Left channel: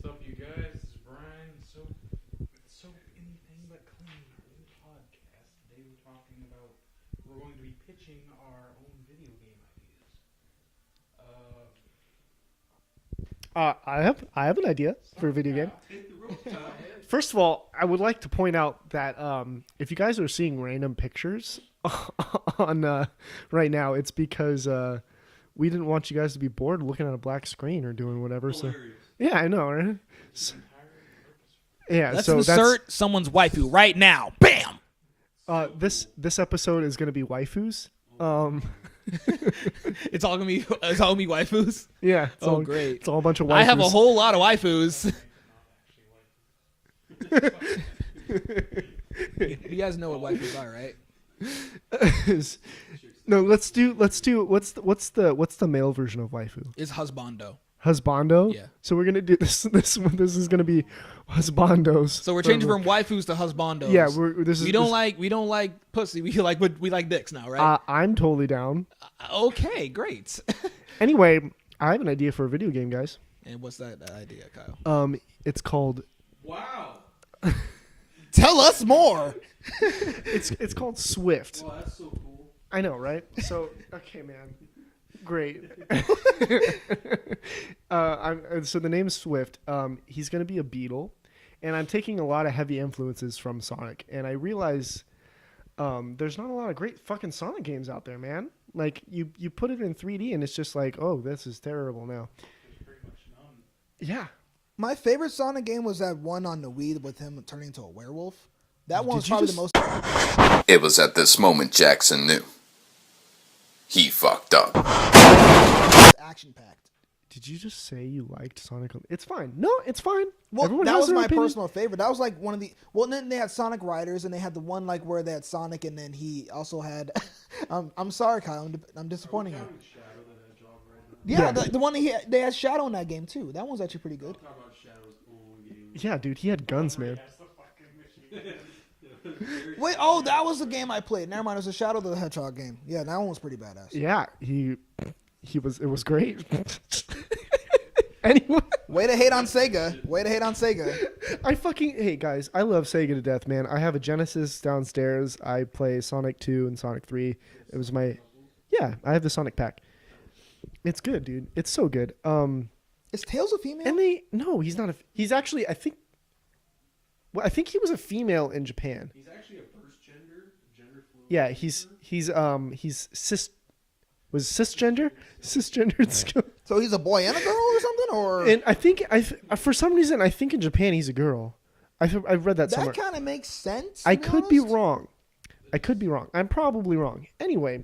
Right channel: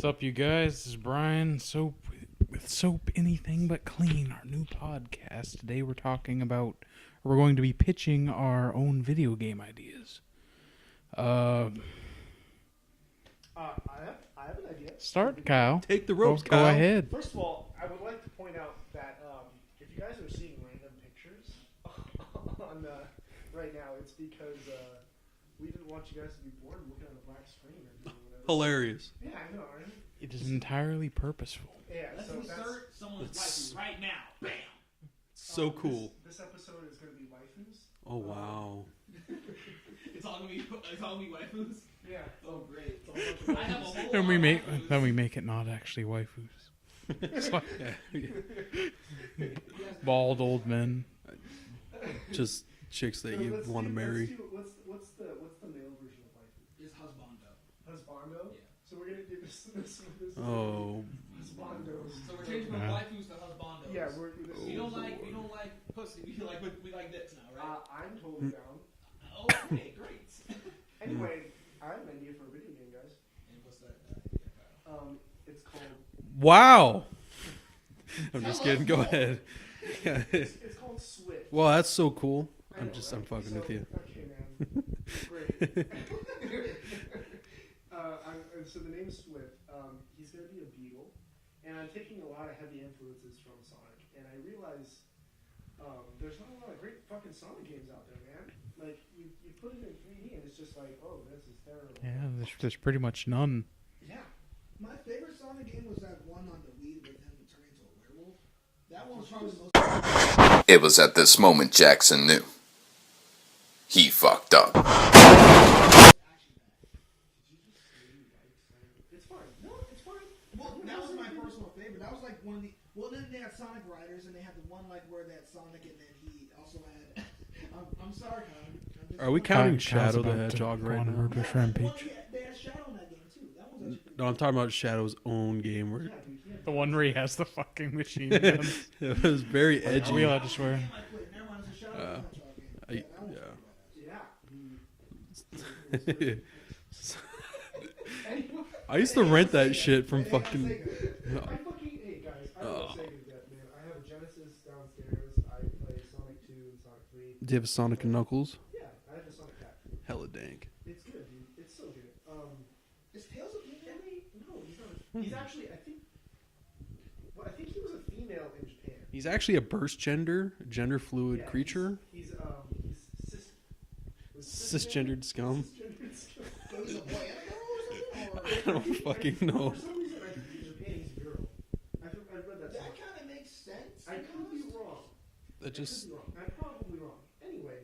What's up, you guys? This is Brian, with Soap Anything But Clean, our new podcast. Today we're going to be pitching our own video game ideas. I have an idea for a video game. Take the ropes, Go Kyle. ahead. First of all, I would like to point out that if you guys are seeing random pictures on right now, it's because we didn't want you guys to be bored looking at a black screen or doing whatever. Hilarious. So, yeah, I know, right? It is entirely purposeful. Yeah, Let's so insert someone's waifu right now. Bam! So cool. this episode is going to be waifus. Oh, wow. It's all gonna be waifus. Yeah. It's Oh, all, great. It's all a bunch of waifus. I have a whole lot of Then waifus. we make it not actually waifus. You guys know Bald what waifus old are, right? men. Just chicks that No, you let's wanna do marry. what's the male version of waifu? It's husbando. Husbando? Yeah. So we're gonna do this is gonna be Oh. husbandos. So we're changing from waifus to husbandos. Yeah, we don't like pussy. We like dicks now, right? I'm totally down. Okay, great. Anyway, I have an idea for a video game, guys. And what's that idea, Kyle? It's called Wow. Tell us Go more. ahead. it's called Swift. Well, that's so cool. I know, Just right? fucking So with you. okay, man, great. So the name is Swift. He's gonna be a beetle, and I'm taking a lot of heavy influences from Sonic, and I realize there's not a lot of great fucking Sonic games out there, man. Like you put it in 3D, and it's just like, oh, this is terrible Yeah, now. there's pretty much none. Yeah. My favorite Sonic game was that one on the Wii with him turning into a werewolf. That one was Did you probably just- the most It was at this moment Jackson knew. He fucked up. action-packed. Did you just say you liked Sonic? It's fine. No, it's fine. Well, Everyone that has was their my opinion. personal favorite. That was like one of the. Well, and then they had Sonic Riders, and they had the one like where they had Sonic, and then he also had. I'm sorry, Kyle. I'm Are disappointed. we counting Kyle's Shadow the about to Hedgehog go right on now? her Yeah, back. the one they had Shadow in that game too. That one's actually pretty No, I'm good. talking about Shadow's own game. Where Yeah, dude, he had The one guns. where he man. has the fucking machine gun. it was very Wait, edgy. oh, Real that was the Swear. game I played. Never mind, it was a Shadow the Hedgehog game. Yeah, that one was pretty badass. Yeah, he was. It was great. Anyway, I Way used to hate on rent that Sega. shit Way from to hate on fucking- Sega. hey guys, I love Sega to death, man. I have a Genesis downstairs. I play Sonic 2 and Sonic 3. Do you have was Sonic my- and Knuckles? Yeah, I have the Sonic pack. Hella dank. It's good, dude. It's so good. Is Tails a female? And he's not a. He's actually, I think he was a female in Japan. He's actually a burst gender fluid Yeah, creature. he's cisgender, Cisgendered scum. cisgendered scum. So he's a boy and a girl or something, or And I think fucking know. for some reason I think in Japan he's a girl. I read that somewhere. that kind of makes sense. I to could be honest. wrong. That I could just- be wrong. I'm probably wrong. Anyway,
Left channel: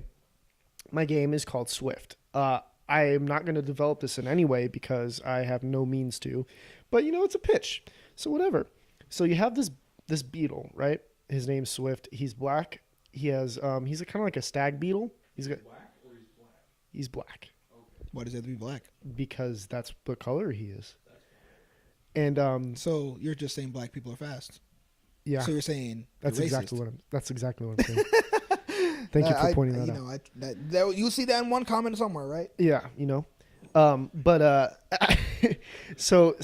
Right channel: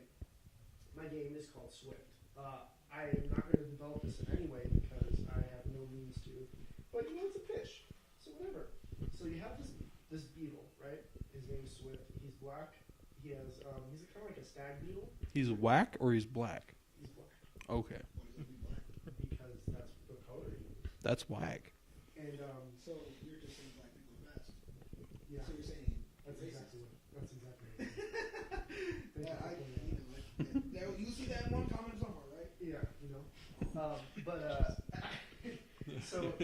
my game is called Swift. I am not going to develop this in any way because I have no means to. But it's a pitch, so whatever. So you have this beetle, right? His name's Swift. He's black. He has he's kind of like a stag beetle. He's whack or he's black? He's black Okay, Why does it have to be black? because that's what color he is. that's whack. And So you're just saying black people are fast. yeah, So you're saying that's you're exactly racist. what I'm saying. Thank you for pointing that out. You see that in one comment somewhere, right? Yeah, so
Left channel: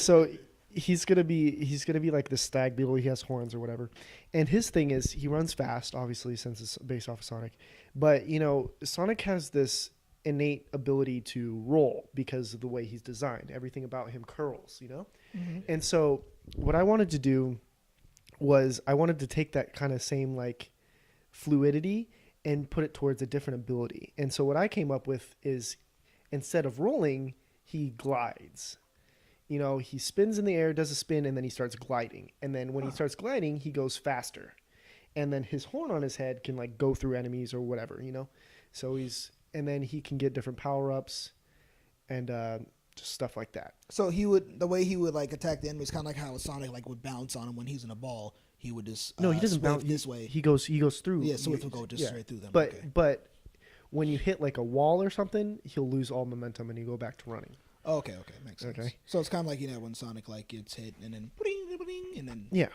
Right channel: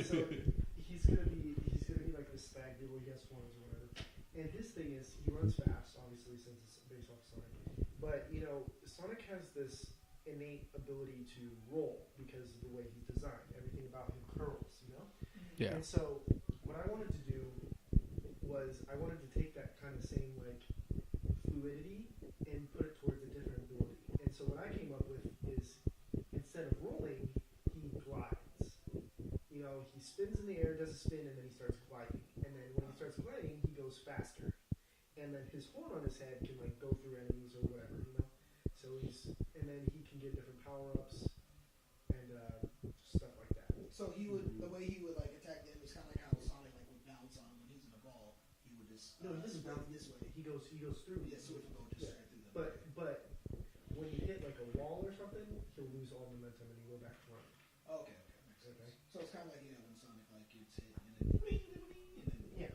he's gonna be like this stag beetle. He has horns or whatever, and his thing is he runs fast, obviously since it's based off of Sonic. But Sonic has this innate ability to roll because of the way he's designed. Everything about him curls, Yeah. And so what I wanted to do was I wanted to take that kind of same like fluidity and put it towards a different ability. And so what I came up with is instead of rolling, he glides. He spins in the air, does a spin, and then he starts gliding. And then when he starts gliding, he goes faster. And then his horn on his head can like go through enemies or whatever, So and then he can get different power-ups and just stuff like that. So the way he would like attack the enemies, kind of like how Sonic like would bounce on him when he's in a ball. He would just No, he doesn't Swift bounce this way. He goes through. Yeah, Swift will go just straight through them. But okay. but when you hit like a wall or something, he'll lose all momentum and you go back to running. Okay, makes sense. Okay. So it's kind of like when Sonic like gets hit and then bling, bling, and then Yeah.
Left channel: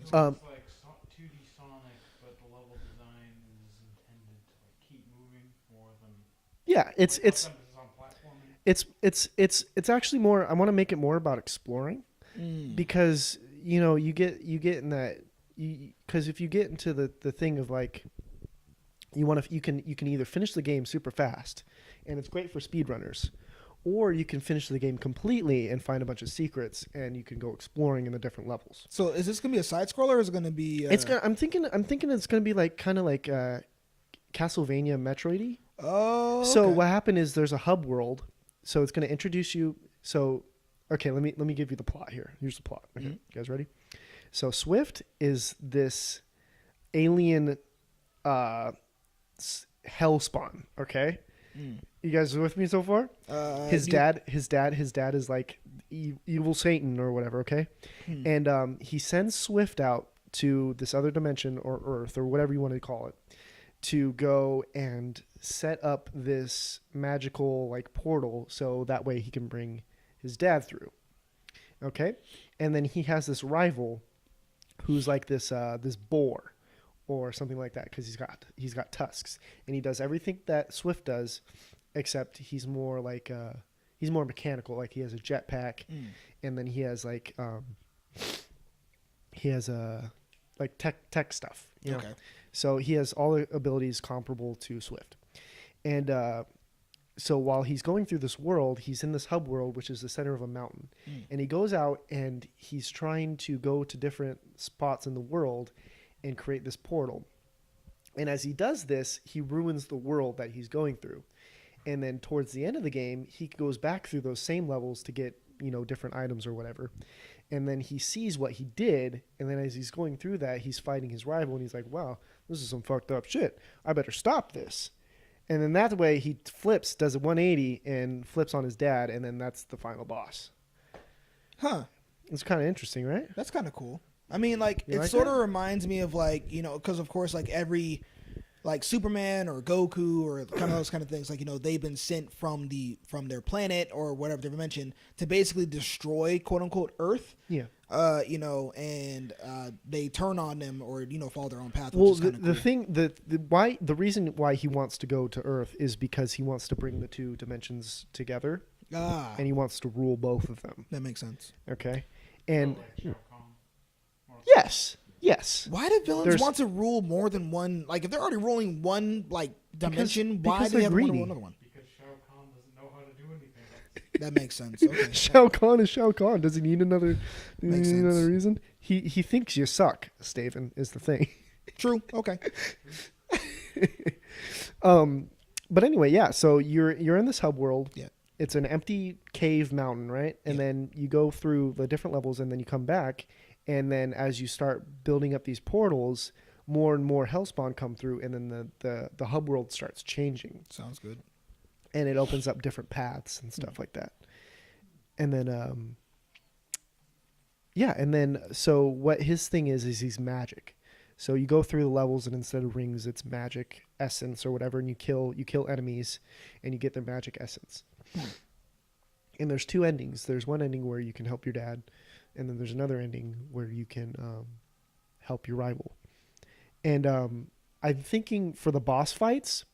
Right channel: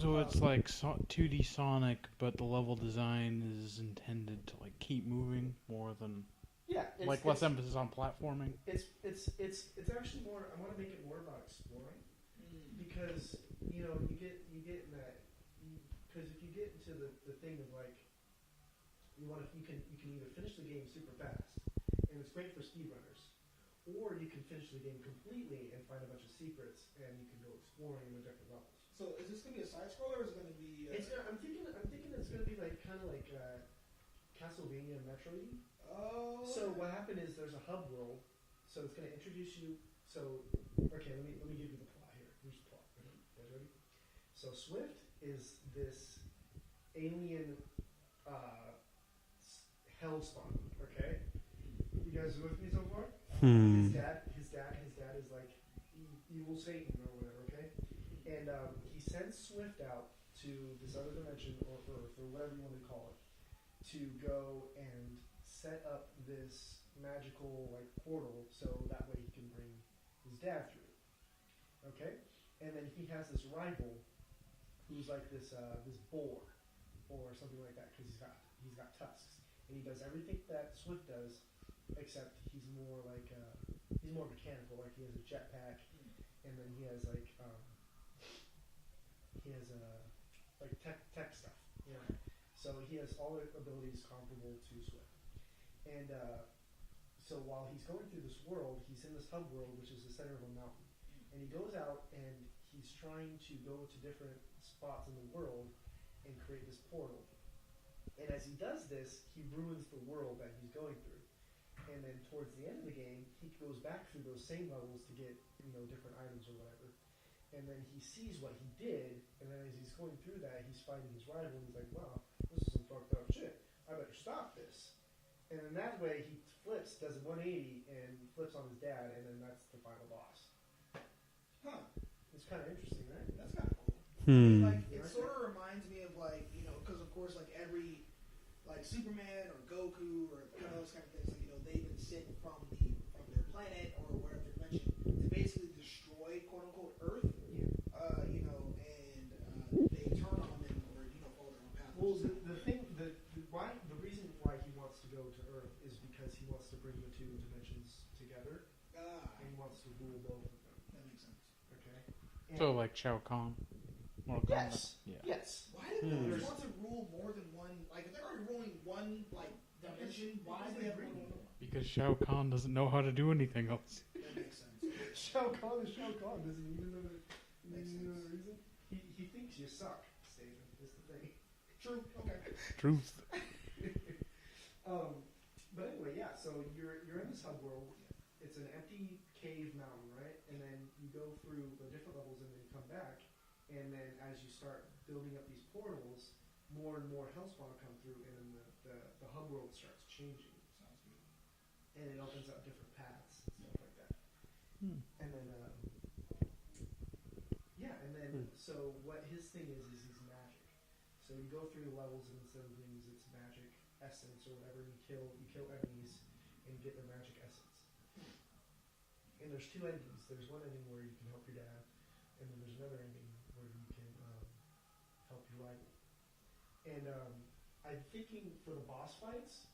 So it's like 2D Sonic, but the level design is intended to like keep moving more than Yeah, it's like less emphasis on platforming. it's actually more. I want to make it more about exploring. because you get in that, because if you get into the thing of like you can either finish the game super fast, and it's great for speedrunners, or you can finish the game completely and find a bunch of secrets, and you can go exploring in the different levels. So is this gonna be a side scroller, or is it gonna be? I'm thinking it's gonna be like kind of like Castlevania Metroidy. Oh. So okay. what happened is there's a hub world, so it's gonna introduce you. So okay, let me give you the plot here. Here's the plot. Okay, you guys ready? So Swift is this alien hell spawn. Okay. You guys with me so far? His dad is like evil Satan or whatever. Okay, and he sends Swift out to this other dimension or Earth or whatever you want to call it, to go and set up this magical like portal, so that way he can bring his dad through. Okay, and then he has this rival, who's like this boar or something like that, because he's got tusks, and he does everything that Swift does, except he's more like he's more mechanical. Like he has a jetpack, and then he has like like tech stuff. You know? Okay. So he has all the abilities comparable to Swift, and so while he's going through this world, he's in this hub world, which is the center of a mountain, and he goes out and he's trying to go to different spots in the world and create this portal. And as he does this, he ruins the world that he's going through. And then towards the end of the game, he goes back through those same levels to get, different items or whatever. And then he sees what he did. And then as he's going through that, he's fighting his rival. And he's like, wow, this is some fucked up shit. I better stop this. And then that way he does a 180 and flips on his dad. And then that's the final boss. Huh. It's kind of interesting, right? That's kind of cool. I mean, like, You it like sort that? of reminds me of, like, because, of course, like, every, like, Superman or Goku or kind of those kind of things, like, they've been sent from their planet or whatever dimension to basically destroy, quote-unquote, Earth. Yeah. And they turn on them or, follow their own path, Well, which is kinda cool. the reason why he wants to go to Earth is because he wants to bring the two dimensions together, and he wants to rule both of them. That makes sense. Okay, and So like Shao Kahn. yes. Why do villains There's- want to rule more than one? Like, if they're already ruling one, like, dimension, why because do they they're have to rule greedy. another one? Because Shao Kahn doesn't know how to do anything else. That makes sense. Okay. Shao Kahn is Shao Kahn. Does he need another Makes sense. another reason? He thinks you suck, Steven, is the thing. True. Okay. Truth. But anyway, yeah. So you're in this hub world. Yeah. It's an empty cave mountain, right? And then you go through the different levels, and then you come back. And then as you start building up these portals, more and more hellspawn come through, and then the hub world starts changing, Sounds good. and it opens up different paths and stuff like that. And then so what his thing is he's magic. So you go through the levels, and instead of rings, it's magic essence or whatever, and you kill enemies, and you get their magic essence. And there's two endings. There's one ending where you can help your dad, and then there's another ending where you can help your rival. And I'm thinking for the boss fights,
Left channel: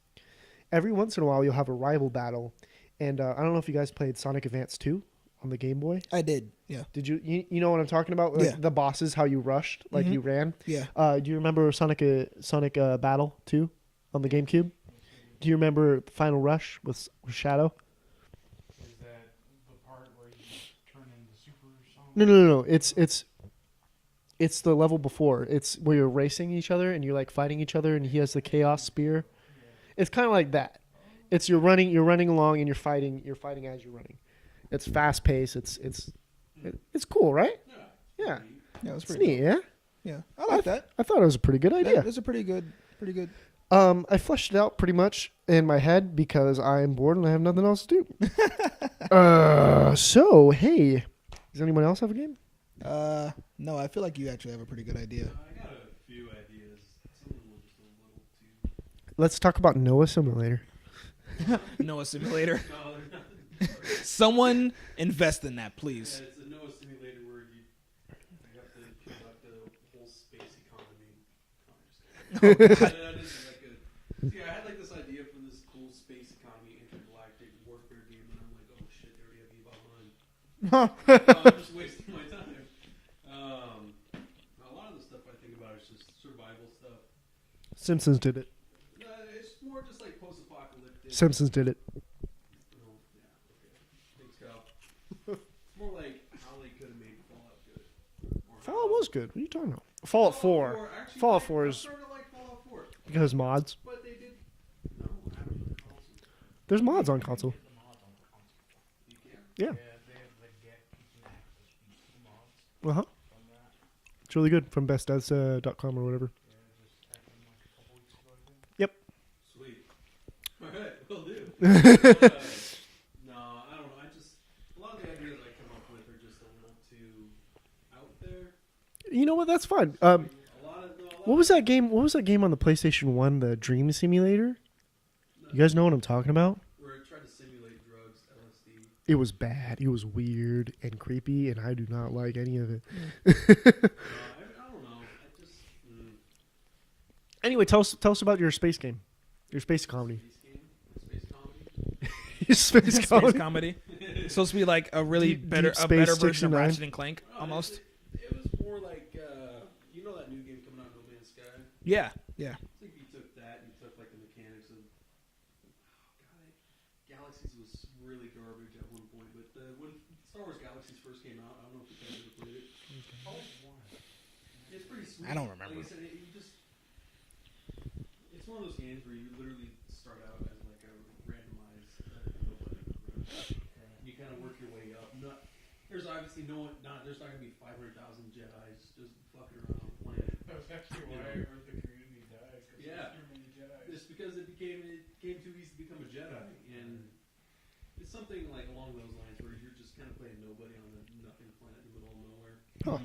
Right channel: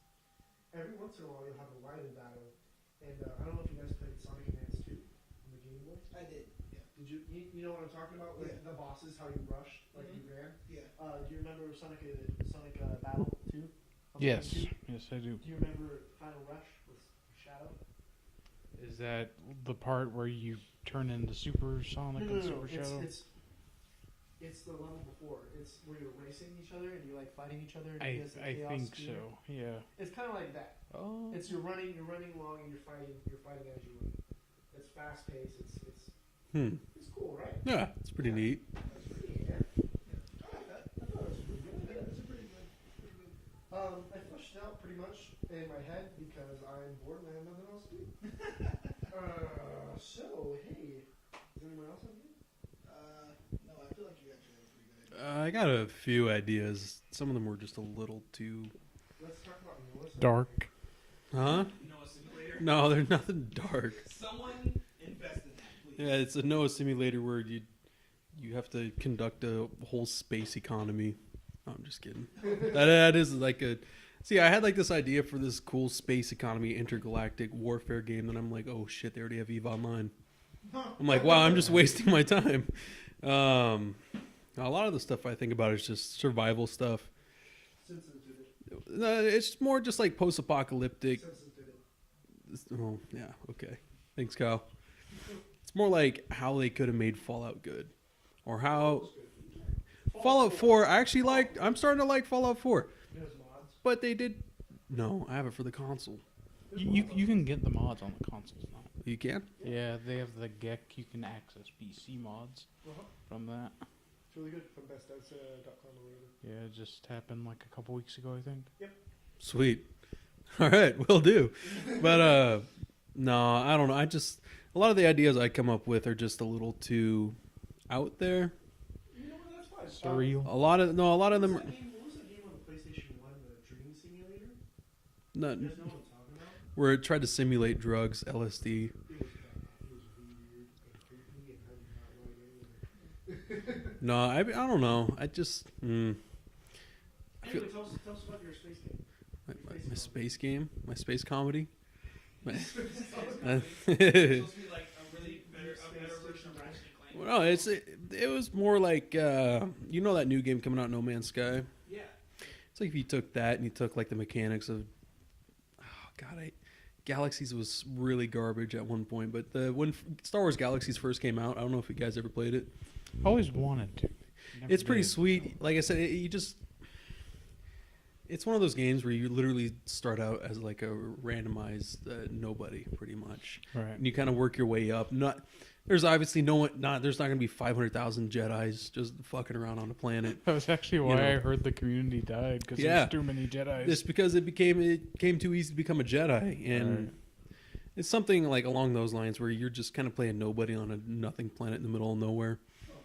every once in a while you'll have a rival battle. And I don't know if you guys played Sonic Advance 2 on the Game Boy. I did. Yeah. Did you know what I'm talking about? Like Yeah. the bosses, how you rushed, like you ran. Yeah. Do you remember Sonic Battle 2 on the Yes. GameCube? Yes, I do. Do you remember Final Rush with Shadow? Is that the part where you turn into Super Sonic? No. Shadow? It's the level before. It's where you're racing each other and you're like fighting each other, and he has the I Chaos think Spear. so, yeah. It's kind of like that. It's you're running along and you're fighting as you're running. It's fast paced. It's cool, right? Yeah, it's pretty Yeah. neat. Yeah. It was It's pretty. neat, yeah. Yeah. I like that. I thought it was a pretty good idea. That's a pretty good. Pretty good. I fleshed it out pretty much in my head because I am bored and I have nothing else to do. So hey, does anyone else have a game? No, I feel like you actually have a pretty good idea. I got a few ideas. Some of them were just a little too. Let's talk about Noah Simulator. Huh? Noah Simulator. No, they're nothing dark. Someone invest in that, please. Yeah, it's a Noah simulator where you have to conduct a whole space economy. No, I'm just kidding. That is like a. See, I had like this idea for this cool space economy intergalactic warfare game, and I'm like, oh shit, they already have EVE Online. I'm like, wow, I'm just wasting my time. A lot of the stuff I think about is just survival stuff. Simpsons did it. It's more just like post-apocalyptic. Simpsons did it. Oh, yeah, okay. Thanks, Kyle. It's more like how they could have made Fallout good. Or how... Fallout was good. What are you talking about? Fallout 4. I actually Fallout like... 4 I'm is- starting to like Fallout 4. Because mods. But they did... No, I have it for the console. There's mods on you console. can get the mods on the consoles now. You can? Yeah. They have the GEC. You can access PC mods Uh-huh. from that. It's really good from bestaz.com or whatever. Yeah, it just happened like a couple weeks ago, I think. Sweet. All right, will do. But, no, I don't know. A lot of the ideas I come up with are just a little too out there. You know what? That's fine. Surreal. What was that game? What was that game on the PlayStation 1, the Dream Simulator? No, You guys know what I'm talking about? where it tried to simulate drugs, LSD. It was bad. It was weird and creepy, and I do not like any of it. No, I don't know. I just Anyway, tell us about your space game. Your space my comedy. space game, my space comedy. Your space Space comedy. comedy. It's supposed to be like a really Deep better Space version of Station 9. Ratchet and Clank. No, almost. it was more like you know that new game coming out, No Man's Sky. Yeah. It's like if you took that and you took like the mechanics of Galaxies was really garbage at one point, but when Star Wars Galaxies first came out, I don't know if you guys ever played it. Always wanted to. Never It's pretty did. sweet. don't remember. Like I said, it's one of those games where you literally start out as like a randomized nobody, pretty much, Right. and you kind of work your way up. There's obviously there's not going to be 500,000 Jedis just fucking around on the planet. That was actually why know. I heard the community died because Yeah. there's too many Jedis. It's because it came too easy to become a Jedi, and Right. it's something like along those lines where you're just kind of playing nobody on a nothing planet in the middle of nowhere. Huh.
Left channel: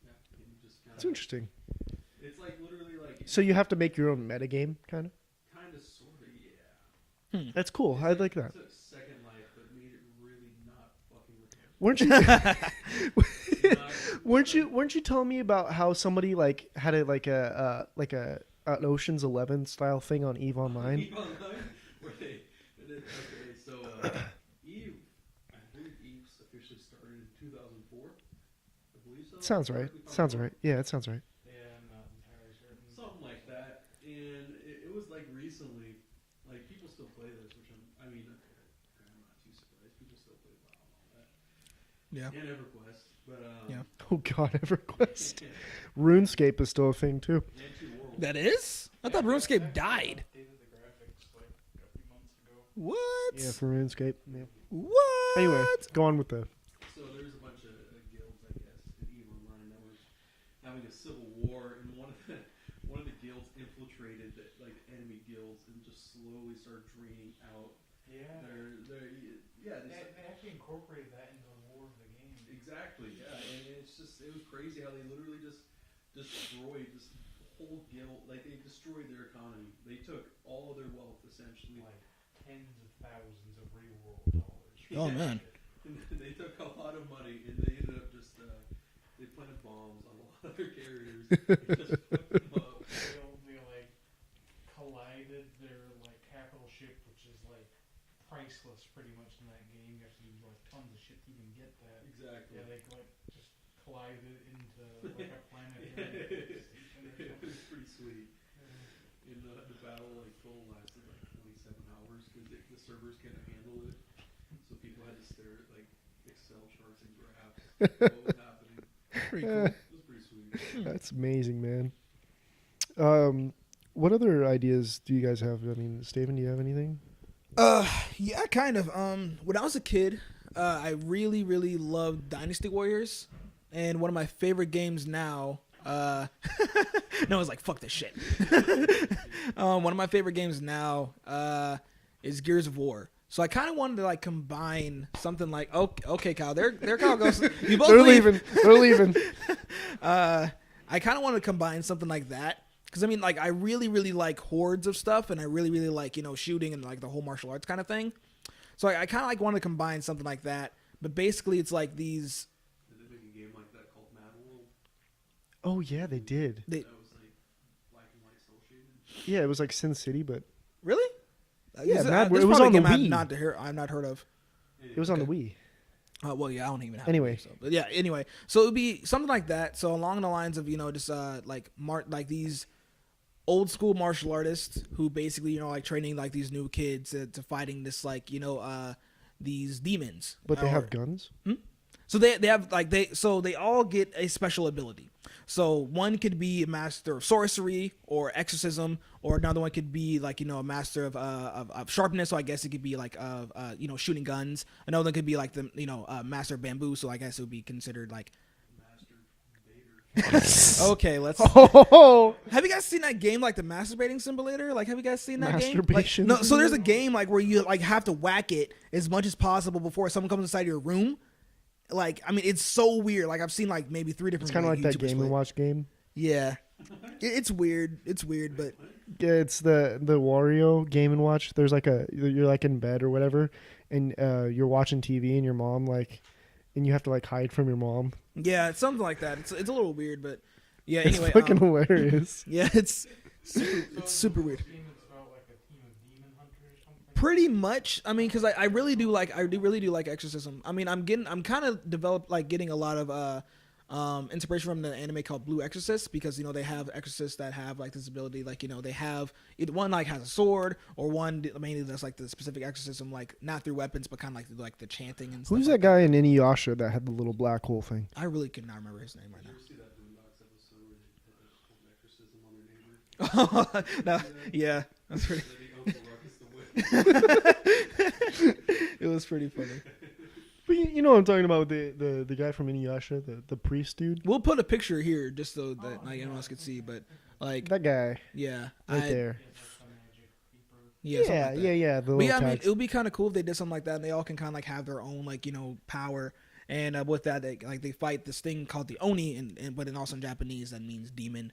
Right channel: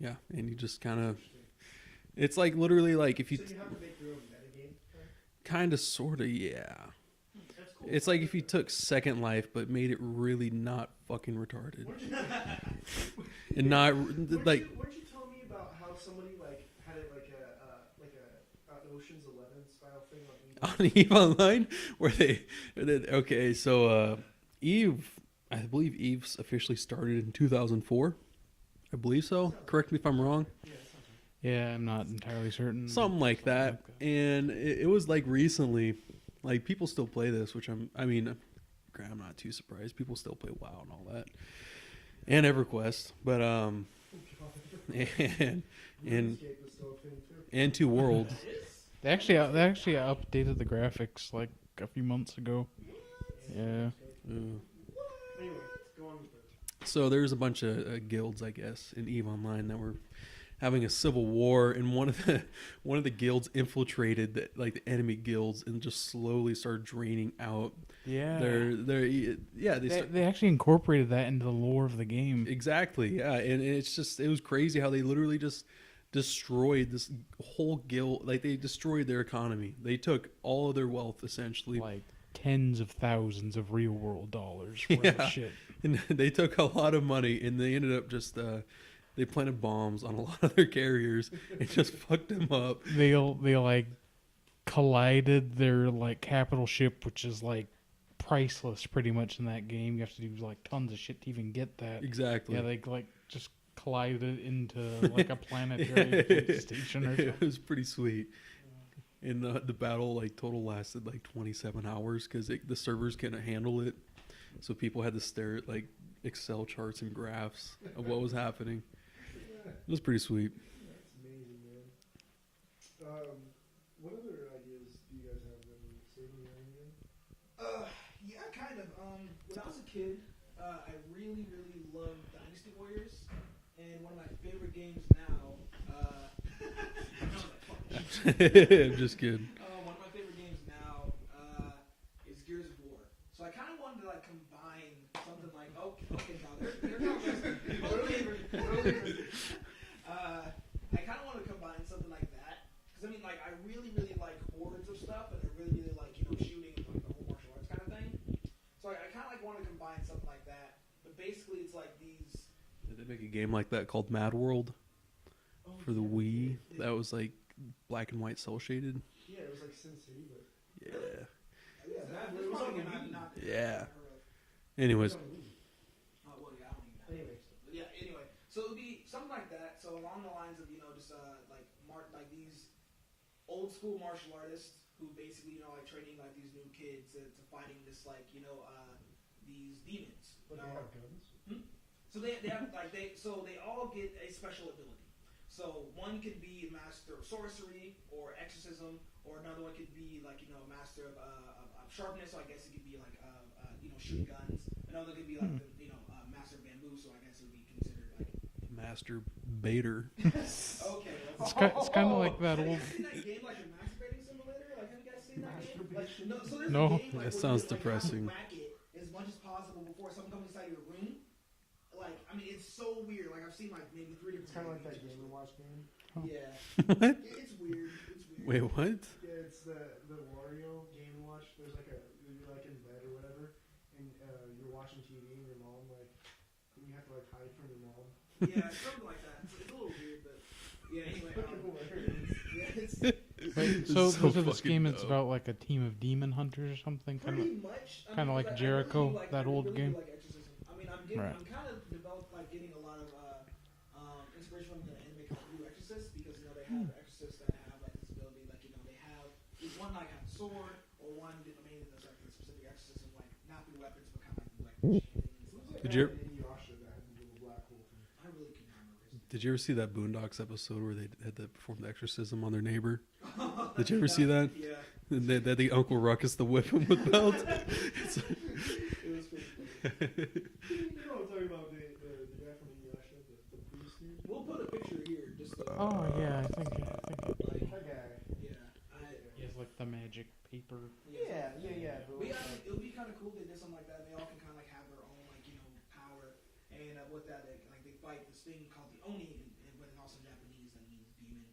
Yeah, and you just kind That's of interesting. it's like literally like if you So you have to make your own metagame, kind of? kind of sort of yeah. That's cool. It's I like if you that. took Second Life but made it really not fucking retarded. Weren't you? And not weren't you telling me about how somebody like had a an Ocean's 11 style thing on Eve on Online? Eve Online where okay, so Eve, I believe Eve's officially started in 2004. I believe so. Sounds Correct right. me if I'm Sounds wrong. right. Yeah, that sounds right. Yeah, I'm not entirely certain. Something like that. And it was like recently, like people still play this, which I'm not too surprised. People still play WoW and all that. Yeah. And EverQuest. But Oh God, EverQuest. and, RuneScape is still a thing too. and Two Worlds. That is? They I thought actually RuneScape died. updated the graphics like a few months ago. What? Yeah, for Yeah. RuneScape. What? Anyway, go on with the. So there's a bunch of guilds, I guess, in EVE Online that were having a civil war, and one of the guilds infiltrated the enemy guilds and just slowly started draining out Yeah. they They actually incorporated that into the lore of the game. exactly, yeah, and it was crazy how they literally just destroyed this whole guild. Like they destroyed their economy. They took all of their wealth essentially. Like tens of thousands of real world dollars. Yeah. Holy shit. And they took a lot of money, and they ended up just they planted bombs on a lot of their carriers and just fucked them up. They like collided their like capital ship, which is like priceless pretty much in that game. You have to do like tons of shit to even get that. Exactly. Yeah, they like just collided into like a planetary space station or something. It was pretty sweet. And the battle like total lasted like 27 hours because the servers couldn't handle it. So people had to stare at like Excel charts and graphs of what was happening. Pretty cool. It was pretty sweet. That's amazing, man. What other ideas do you guys have? I mean, Steven, do you have anything? Yeah, kind of. When I was a kid, I really, really loved Dynasty Warriors, and one of my favorite games now. No, it's like fuck this shit. Just kidding. One of my favorite games now is Gears of War. So I kind of wanted to like combine something like okay, Kyle, there Kyle goes. You both They're leave. leaving. They're leaving. I kind of want to combine something like that. Because, I mean, like, I really, really like hordes of stuff, and I really, really like, shooting and, like, the whole martial arts kind of thing. So I kind of, like, want to combine something like that. But basically, it's like these... Did they make a game like that called Mad World? Oh for yeah, the they Wii? did. That was, like, black and white cell shaded. Yeah, it was like Sin City, but Really? Yeah, This Mad is World. It was probably on the a game Wii. I've not heard of. it Anyways, was on the Wii. Well, yeah, I don't even have Anyway. it, so. But yeah, anyway. So it would be something like that. So along the lines of, just like these old school martial artists who basically, like training like these new kids to fighting this like, these demons. But they have guns? So they have like they all get a special ability. So one could be a master of sorcery or exorcism, or another one could be like a master of sharpness. So I guess it could be like shooting guns. Another one could be like the master of bamboo. So I guess it would be considered like Master Bader. okay. Let's. Oh, Have you guys seen that game like the masturbating simulator? Like, have you guys seen that game? Like, Masturbation? no. So there's a No, game like that where you sounds like have to depressing. whack it as much as possible before someone comes inside your room. Like, I mean, it's so weird. Like, I've seen like maybe 3 different. It's kind of like that YouTubers Game play. and Watch game. Yeah, it's weird. It's weird. Wait, but what? Yeah, it's the Wario Game and Watch. There's like you're like in bed or whatever, and you're watching TV, and your mom and you have to like hide from your mom. yeah, it's something like that. It's a little weird, but yeah. It's Anyway, fucking hilarious. yeah, it's So so for this fucking game, it's dope. about like a team of demon hunters or something. pretty much. I mean, Kinda because like I really do Jericho, like that old game? like exorcism. I mean, I'm Right. kind of developed like getting a lot of inspiration from the anime called Blue Exorcist, because they have exorcists that have like this ability, like they have one like has a sword, or one mainly that's like the specific exorcism, like not through weapons but kind of like the chanting and stuff. Who's like that guy Did in Inuyasha that had the little black hole thing? I really could not remember his name. Did you ever see that Boondocks episode where they had to perform the exorcism on their neighbor? Did Did you ever see that? Yeah, And they had the Uncle Ruckus the whip him. it was pretty funny. You know what I'm talking about, the guy from Inuyasha, the priest dude? We'll put a picture here just so that Oh, everyone yeah. else can see. But like, That guy yeah, right there. It's like the magic paper. Yeah, something Yeah, like that. yeah. The But little yeah, I mean, tags. it would be kind of cool if they did something like that, and they all can kind of like have their own like power. And with that, they fight this thing called the Oni, and but also in Japanese that means demon.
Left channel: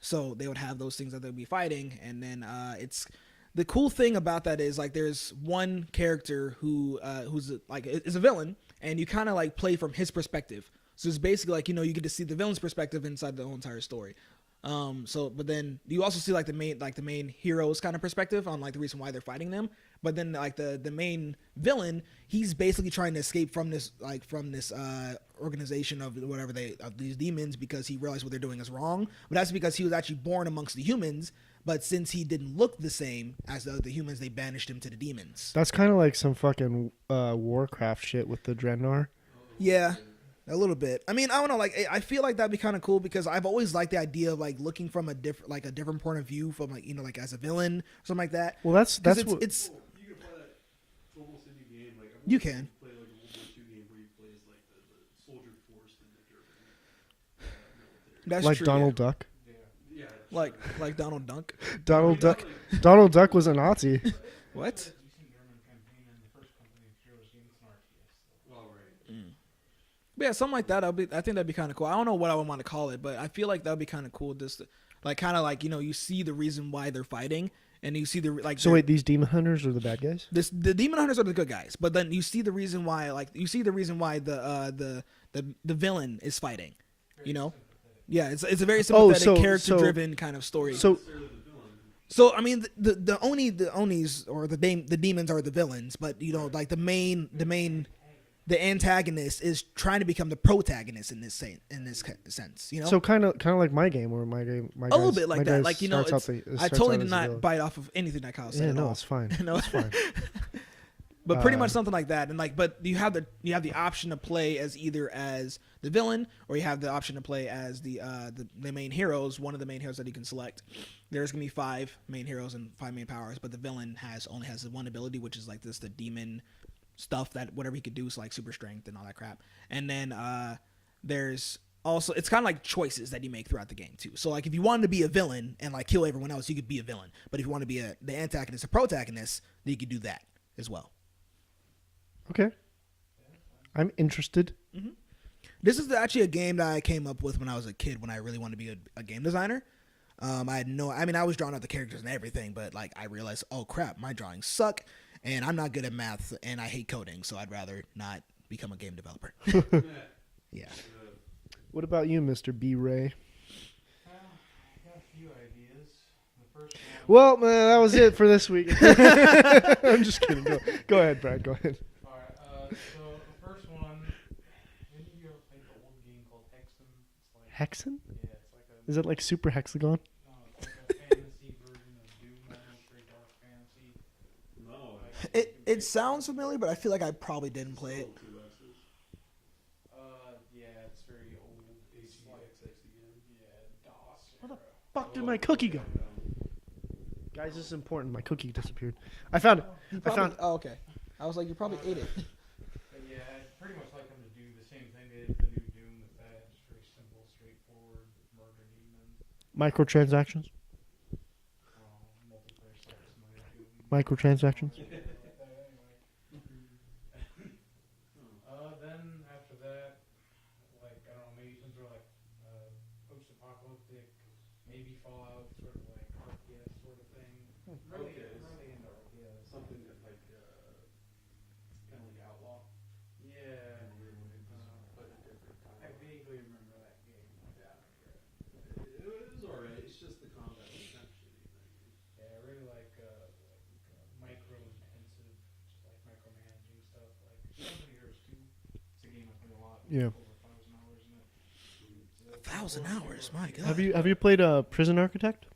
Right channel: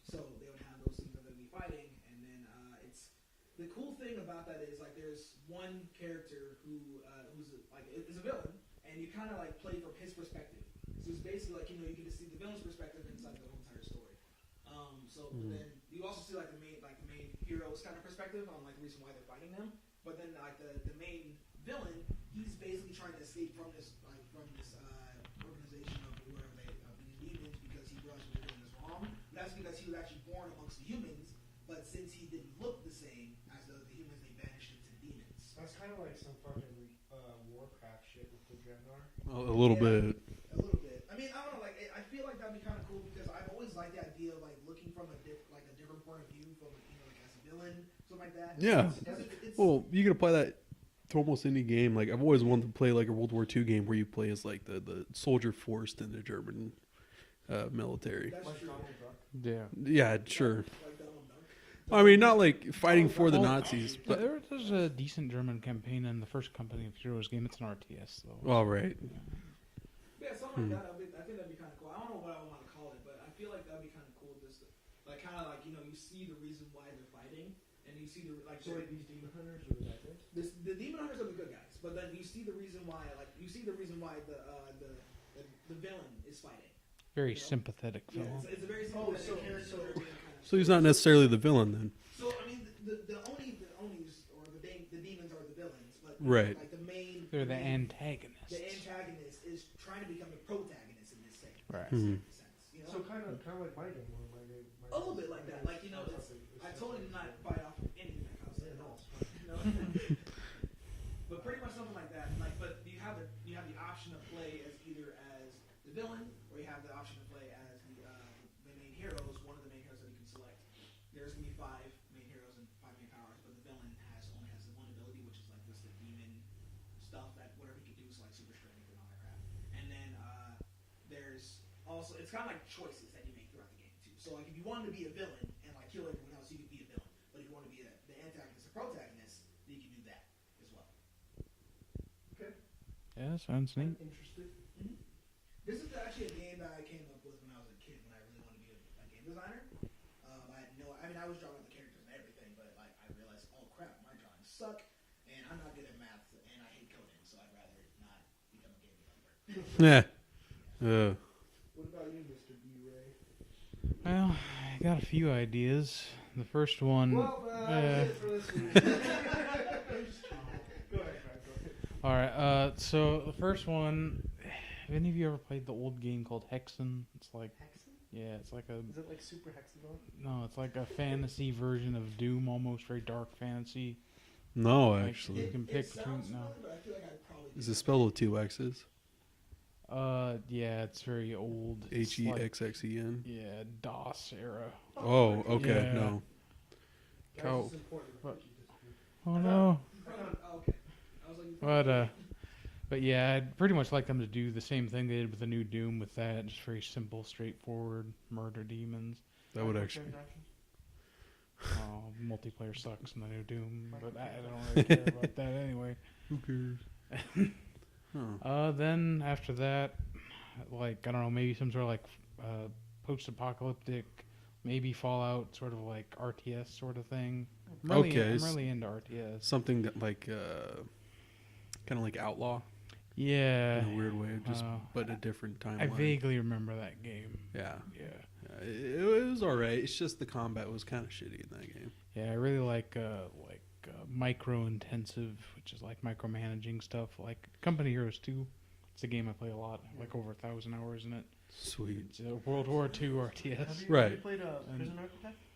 So they would have those things that they'd be fighting, and then it's the cool thing about that is like there's one character who's like is a villain, and you kind of like play from his perspective. So it's basically like you get to see the villain's perspective inside the whole entire story. But then you also see like the main hero's kind of perspective on like the reason why they're fighting them. But then like the main villain, he's basically trying to escape from this organization of whatever of these demons, because he realized what they're doing is wrong. But that's because he was actually born amongst the humans. But since he didn't look the same as the other humans, they banished him to the demons. That's kind of like some fucking Warcraft shit with the Draenor. A little Yeah. bit. A little bit. I mean, I don't know. Like, I feel like that'd be kind of cool, because I've always liked the idea of like looking from a different point of view from like as a villain, something like that. Well, that's 'Cause what. it's Well, you can apply that to almost any game. Like I've always can. wanted to play like a World War II game where you play as like the soldier forced in the German military. that's like true, Donald Duck. Yeah. Yeah, yeah. sure. Like Donald Duck. I mean, not Duck. like Donald fighting Duck for was the a Nazis, Nazi. but- There's What? a decent German campaign in the first Company of Heroes game. It's an RTS though. All right. But yeah, something like that. I think that'd be kind of cool. I don't know what I would want to call it, but I feel like that'd be kind of cool. Just to, like kind of like you see the reason why they're fighting, and you see the like. So wait, these demon hunters are the bad guys? the demon hunters are the good guys, but then you see the reason why the villain is fighting. Very You know? sympathetic. Yeah, it's a very Oh, sympathetic, so- character-driven kind of So story. he's not So, necessarily the villain then. I mean, the Onis or the demons are the villains, but you know, Right. like the main They're antagonist. the antagonist is trying to become the protagonist in this sense. You know, So kind of like my game, where my a little bit like that. Like I totally did not buy. bite off of anything that Kyle said. Yeah, at no, all. it's fine. No. It's fine. But pretty much something like that, and like, but you have the option to play as either as the villain, or you have the option to play as the main heroes. One of the main heroes that you can select. There's gonna be 5 main heroes and 5 main powers, but the villain only has one ability, which is like the demon stuff that whatever he could do, so like super strength and all that crap. And then there's also, it's kind of like choices that you make throughout the game too. So like if you wanted to be a villain and like kill everyone else, you could be a villain. But if you want to be the antagonist or protagonist, then you could do that as well. Okay, Yeah, sounds. I'm interested. This is actually a game that I came up with when I was a kid, when I really wanted to be a game designer. I was drawing out the characters and everything, but like I realized, oh crap, my drawings suck, and I'm not good at math, and I hate coding, so I'd rather not become a game developer. Yeah. Yeah. What about you, Mr. B. Ray? Well, I got a few ideas. the first one. Well, that was it for this week. I'm just kidding. Go ahead, Brad. Go ahead. All right. So the first one. Have any of you ever played the old game called Hexen? It's like Hexen? Yeah, it's like a. Is it like Super Hexagon? No, it's like a fantasy version of Doom, almost very dark fantasy. No, Like, actually. you can pick It sounds from, familiar, but I feel like I probably Is didn't it play spelled it. with 2 X's? Yeah, it's very old. It's like- HEXXEN? Yeah, DOS era. Fuck, Oh, my cookie. okay. Yeah. No. Guys, Oh. this is important. My cookie disappeared. Oh, I found it. no. You I found- Oh, okay. I was like, you probably. But, ate it. But yeah, I'd pretty much like them to do the same thing they did with the new Doom with that. Just very simple, straightforward, murder demons. Microtransactions. Oh, multiplayer sucks in the new Doom. Microtransactions. I don't really care about that anyway. Who cares? Huh. Then after that, like, I don't know, maybe some sort of like post-apocalyptic, maybe Fallout sort of like RTS sort of thing. I'm Okay, I'm s- really into RTS. Something that like, kind of like Outlaw Yeah. in a weird way, just uh, but a different timeline. I vaguely remember that game. Yeah. Yeah. It was alright. It's just the combat was kind of shitty in that game. Yeah, I really like micro-intensive, which is like micromanaging stuff. Like Company Heroes 2. It's a game I play a lot. Yeah. Like over 1,000 hours in it. Sweet. It's a World War 1,000 II hours, my RTS. God. Have you Right. played Prison Architect?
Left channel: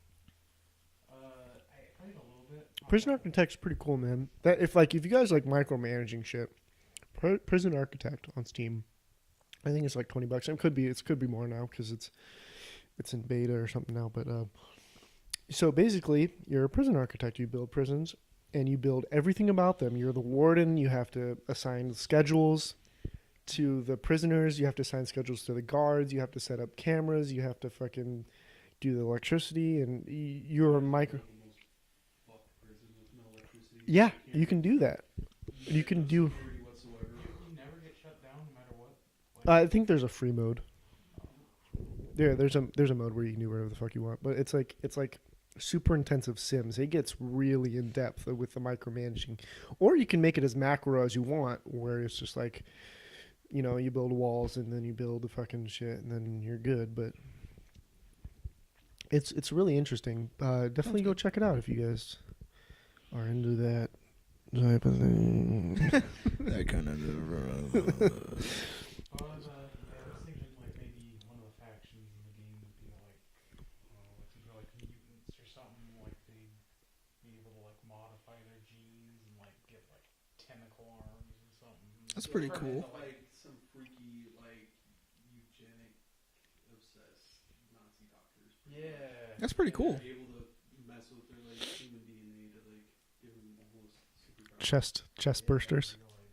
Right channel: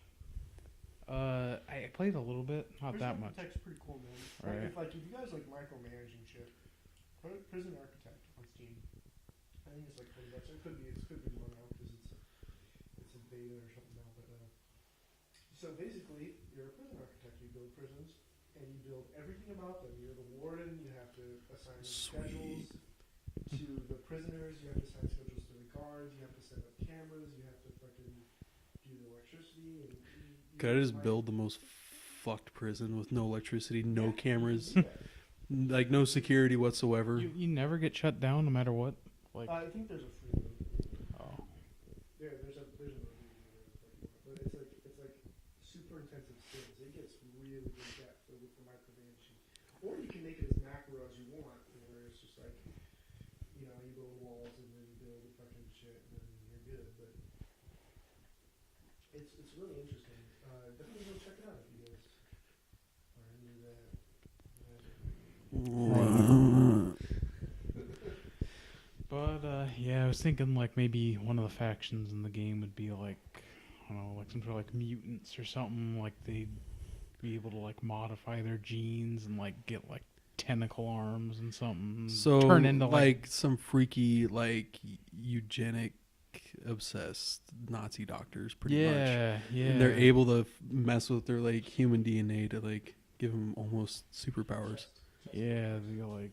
I played a little bit. Not Prison that much. Architect's pretty cool, man. That if you guys like micromanaging shit, Prison Architect on Steam, I think it's like $20. It could be more now because it's in beta or something now. But so basically, you're a prison architect. You build prisons and you build everything about them. You're the warden. You have to assign schedules to the prisoners. You have to assign schedules to the guards. You have to set up cameras. You have to fucking do the electricity, and you're Could I a just micro. build the most fucked prison with no electricity, no Yeah, cameras, you can do that. like can no do- security whatsoever. You never get shut down no matter what. Like, I think there's a free mode. oh. Yeah, there's a mode where you can do whatever the fuck you want, but it's like super intensive Sims. It gets really in depth with the micromanaging, or you can make it as macro as you want, where it's just like, you build walls and then you build the fucking shit and then you're good. But it's really interesting. Definitely go check it out if you guys are into that type of thing. But yeah, I was thinking like maybe one of the factions in the game would be like, I don't know, like some sort of like mutants or something. Like they'd be able to like modify their genes and like get like tentacle arms and something. So turn into like some freaky like eugenic obsessed Nazi doctors, pretty much. yeah, That's pretty yeah. They're able to mess with their like human DNA to like give them almost superpowers. Chest Yeah, bursters. it'd be like,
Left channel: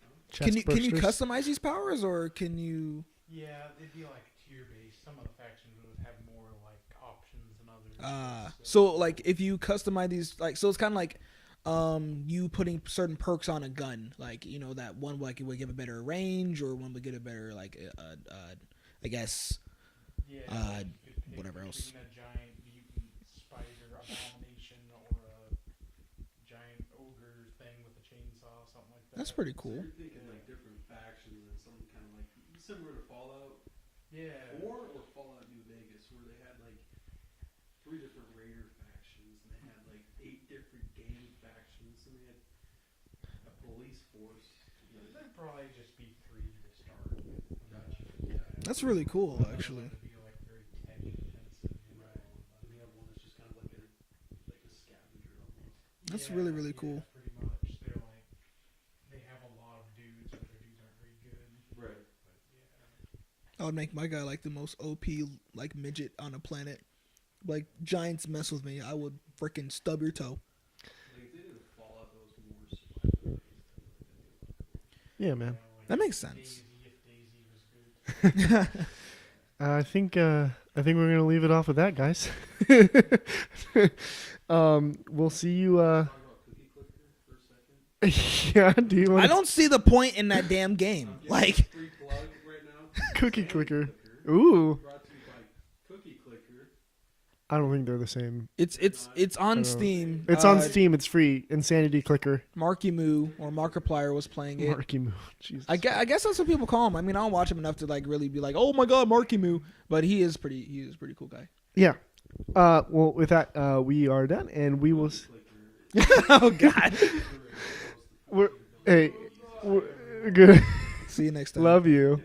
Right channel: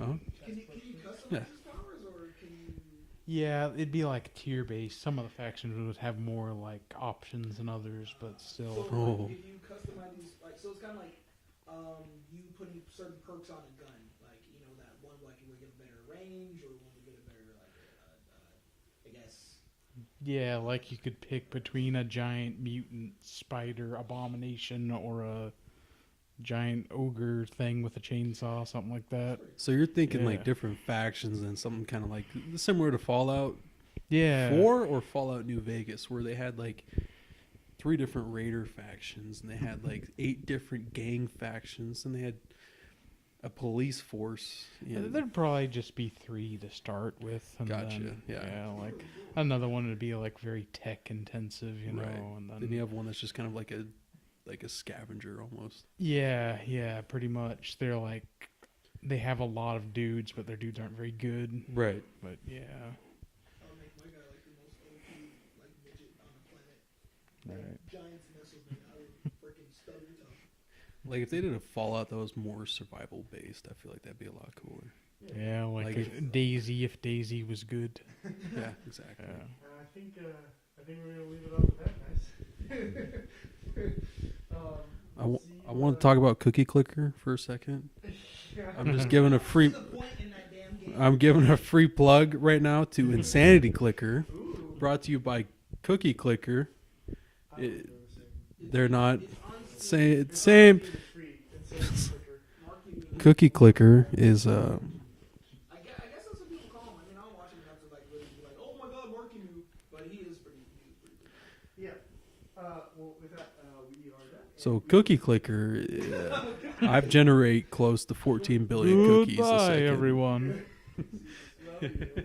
Huh? Can you bursters. customize these powers, or can you? yeah, it'd be like tier based. Some of the factions would have more like options than others. But still. So like Oh. if you customize these, like, so it's kind of like you putting certain perks on a gun, like that one like it would give a better range, or one would get a better like I guess. yeah, like you could pick whatever between a giant mutant spider abomination or a giant ogre thing with a chainsaw, something like that. That's pretty cool. So you're thinking like Yeah. different factions and something kind of like similar to Fallout yeah. 4 or Fallout New Vegas, where they had like 3 different raider factions and they had like 8 different gang factions and they had a police force. Yeah, There'd probably just be 3 to start with. And Gotcha, then, yeah. That's like, really cool. Another one would be like very tech intensive, you know. Right. And then then you have one that's just kind of like a scavenger almost. yeah, really, really yeah, cool. pretty much. They're like they have a lot of dudes, but their dudes aren't very good. Right. But yeah, I would make my guy like the most OP like midget on a planet. Like Right. giants mess with me, I would freaking stub your toe. Like if they did a Fallout that was more survival based, I feel like that'd be a lot cooler. Yeah, man. yeah, like That makes sense. Daisy if Daisy was good. I think we're gonna leave it off with that, guys. We'll see you. I want to talk about Cookie Clicker for a second. Yeah, do just you giving I a don't free- see the point in that damn game. I'm giving a Like, free plug right now to Cookie Insanity Clicker. Clicker, Ooh, brought to you by Cookie Clicker. I don't think they're the same. They're not- It's on don't know. Steam. Say- It's Same. on Steam. It's free. Insanity Clicker. Marky Moo. Cookie or Clicker Markiplier was is, playing it. Marky Moo. Jesus. I guess that's what people call him. I mean, I don't watch him enough to like really be like, oh my god, Marky Moo. But he is pretty cool guy. Yeah. Well, with that, we are done, and So we cookie will clicker. Oh God. I generate close to 14 billion Hey. cookies. a Goodbye, second. everyone. Good. See you next time. Love you.